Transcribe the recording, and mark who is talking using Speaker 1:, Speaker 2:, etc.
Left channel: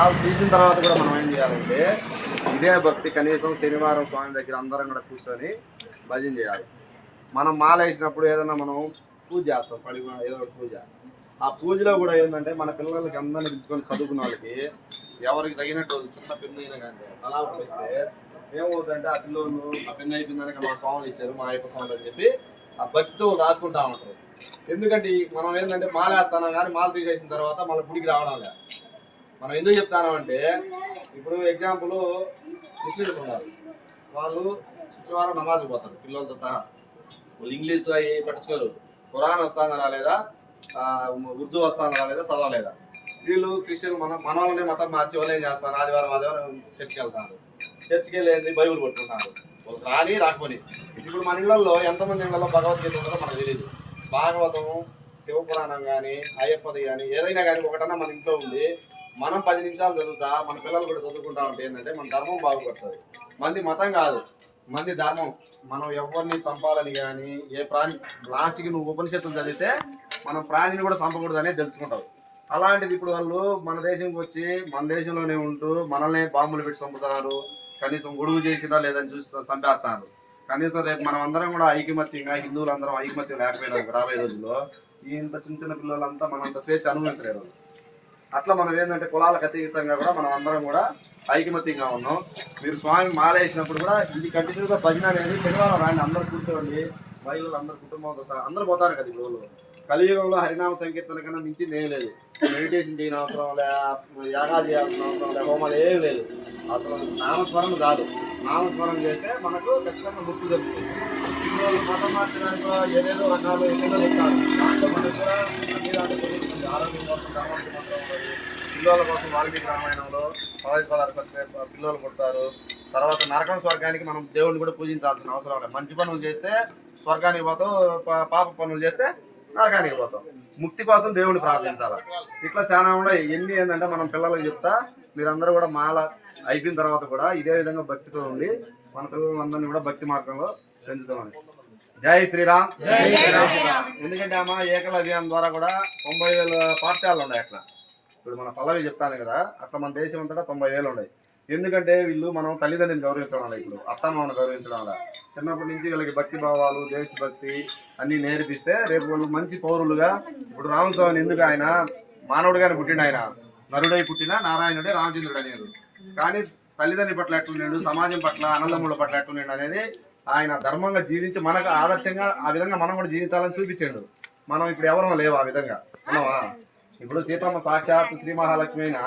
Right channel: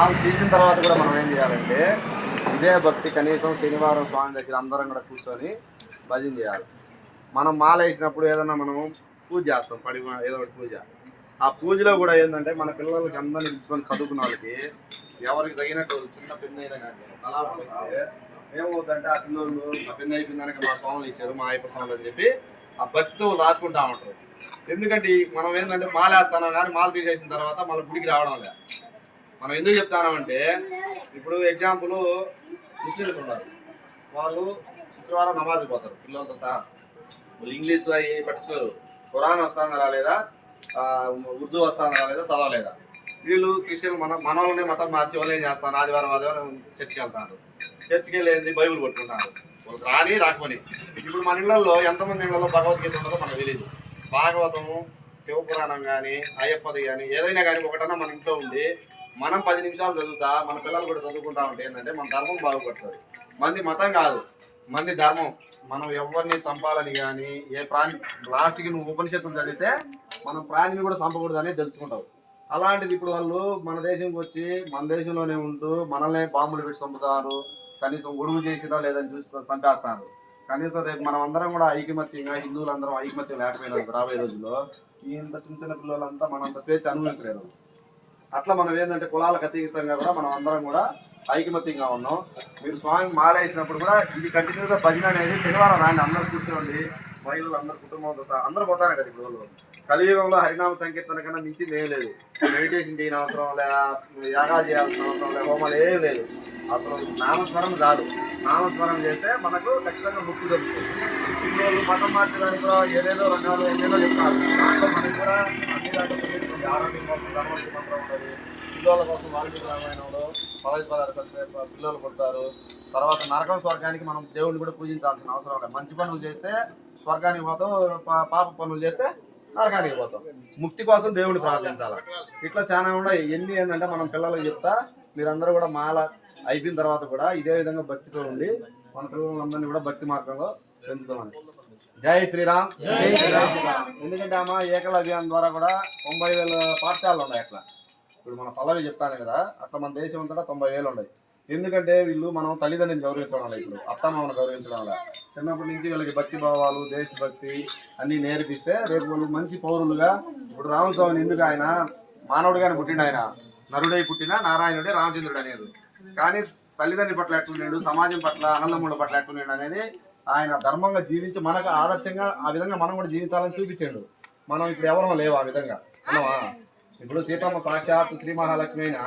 Speaker 1: వాళ్ళు తీసిన తర్వాత కూడా మనం ఏం చేయాలంటే ఇదే భక్తి కనీసం శనివారం స్వామి దగ్గర అందరం కూడా కూర్చొని భజన చేయాలి. మనం మాల వేసినప్పుడు ఏదైనా మనం పూజ చేస్తాం పడి ఏదో ఒకటి పూజ. ఆ పూజలో కూడా ఏంటంటే మన పిల్లలకి అందరిని పిలుచుకొని చదువుకున్న వాళ్ళకి ఎవరికి తగినట్టు చిన్న పెన్ను అయినా కానీ అలా వస్తే ఏమవుతుందంటే ఆ పిల్లలు ఆ పిన్న అయిపోయిందనక మా స్వాములు ఇచ్చారు మా అయ్యప్ప స్వాములు అని చెప్పి ఆ భక్తితో రాసుకుంటా ఉంటారు. ఎందుకంటే మనం ఏంటంటే మాల వేస్తాం కానీ మాల తీసేసిన తర్వాత మళ్ళీ గుడికి రావడం లేదు. మనం ఎందుకు చెప్తానంటే ఇప్పుడు ఎగ్జాంపుల్ ముస్లింస్ ఉన్నారు. వాళ్ళు శుక్రవారం నమాజ్ పోతారు పిల్లలతో సహా. వాళ్ళు ఇంగ్లీష్ అవి పట్టించుకోరు. ఖురాన్ వస్తానా లేదా ఉర్దూ వస్తానా లేదా చదవలేదా? వీళ్ళు క్రిస్టియన్ మన మన వాళ్ళని మతం మార్చి వాళ్ళు ఏం చేస్తారు? ఆదివారం ఆదివారం చర్చికి వెళ్తారు. చర్చికి వెళ్ళేది బైబుల్ పట్టుకుంటారు. వాళ్ళకి రాని రాకపోని. ఇప్పుడు మన ఇళ్ళలో ఎంతమంది ఇళ్ళలో భగవద్గీత ఉండదో మనకు తెలియదు భాగవతం శివపురాణం కానీ అయ్యప్పది కానీ ఏదైనా కానీ ఒకటన్నా మన ఇంట్లో ఉండి మనం పది నిమిషాలు చదువుతా మన పిల్లలు కూడా చదువుకుంటా ఉంటే ఏంటంటే మన ధర్మం బాగుపడుతుంది. మంది మతం కాదు మంది ధర్మం. మనం ఎవరిని చంపాలని కానీ ఏ ప్రాణి లాస్ట్కి నువ్వు ఉపనిషత్తులు చదివితే మనం ప్రాణిని కూడా చంపకూడదు అనేది తెలుసుకుంటావు. అలాంటిది ఇప్పుడు వాళ్ళు మన దేశంకి వచ్చి మన దేశంలోనే ఉంటూ మనల్ని బాంబులు పెట్టి చంపుతారు. కనీసం గొడుగు చేసినా లేదని చూసి చంపేస్తారు. కనీసం రేపు మనం అందరం కూడా ఐకమత్యంగా హిందువులు అందరం ఐకమత్యం లేకపోయినా రాబోయే రోజుల్లో ఈ ఇంత చిన్న చిన్న పిల్లలంతా మనంత స్వేచ్ఛ అనుభవించలేరు అట్లా మనం ఏంటంటే కులాలకు అతీతంగా కూడా మనం అందరం కూడా ఐకమత్యంగా ఉన్నాం. మీరు స్వామి మాలేసినప్పుడు కూడా ఇది కంటిన్యూగా భజన అనేది శనివారం రాండి అందరూ కూర్చోండి. మహిళలు అందరు కుటుంబంతో సహా అందరూ పోతారు కదా ఇప్పుడు కలియుగంలో హరినామ సంకీర్తన కన్నా మించి ఏం లేదు. మెడిటేషన్ చేయని అవసరం లే యాగాలు చేయాల్సిన అవసరం లే హోమాలు ఏం లేదు. అసలు నామస్మరణ కాదు నామస్మరణ చేస్తే మనకు ఖచ్చితంగా ముక్తి దొరుకుతుంది. పిల్లలు మతం మార్చడంతో ఏదేదో రకాలు ఏదేదో చెప్తారు దాంట్లో మనకి కూడా అన్ని దాంట్లో ఆరోగ్యం కోసం ధర్మం మంత్రం ఉన్నది. పిల్లల కోసం వాల్మీకి రామాయణంలో పదవి పదార్థాలు పిల్లలు కొడతారు తర్వాత నరకం స్వర్గానికి మనం దేవుడిని కూడా పూజించాల్సిన అవసరం లేదు. మంచి పనులు చేస్తే స్వర్గానికి పోతాం పా- పాప పనులు చేస్తే నరకానికి పోతాం ముక్తి కోసం దేవుడిని ప్రార్థించాలి? ఇట్లా చాలా కూడా ఎన్ని ఏంటంటే మనం పిల్లలకు చెప్తా మీరందరూ కూడా మాల అయిపోయిన తర్వాత కూడా ఇదే విధంగా భక్తితో ఉండి మన పిల్లలందరినీ కూడా భక్తి మార్గంలో పెంచుతామని జై శ్రీరామ్. జై శ్రీరామ్. ఎందుకంటే అమ్మ ఏకలవ్యం ద్వారా కూడా తొంభై వేల పాఠశాలలు ఉన్నాయి అట్లా. ఇప్పుడు మన పల్లవి చెప్తాను కదా అట్లా మన దేశం అంతటా తొంభై వేలు ఉన్నాయి. ఎందుకంటే వీళ్ళు మనం తల్లిదండ్రుని గౌరవించడం వల్ల ఇప్పుడు అత్తమామను గౌరవించడం వల్ల. చిన్నప్పటి నుంచి వీళ్ళకి భక్తి భావాలు దేశభక్తి అన్నీ నేర్పిస్తే రేపు వాళ్ళు మంచి పౌరులుగా ఇప్పుడు రామస్వామిని ఎందుకు ఆయన? మానవుడిగానే పుట్టిండు ఆయన. నరుడై పుట్టిన నారాయణుడే రామచంద్రుడు అనేది కానీ తల్లిదండ్రి పట్ల ఎట్టున్నాడు సమాజం పట్ల అన్నదమ్ముల పట్ల ఎట్టున్నాడు అనేది ఆయన ధర్మంగా జీవించి మనకు ఆదర్శంగా ఆ విధంగా మనం కూడా జీవించాలని చూపించాడు. మనం ఇప్పుడు ఎవరో లేవు ఆ విధంగా. ఉన్నావా ఇప్పుడు సీతమ్మ సాక్షాత్ శ్రీ మహాలక్ష్మి అయినా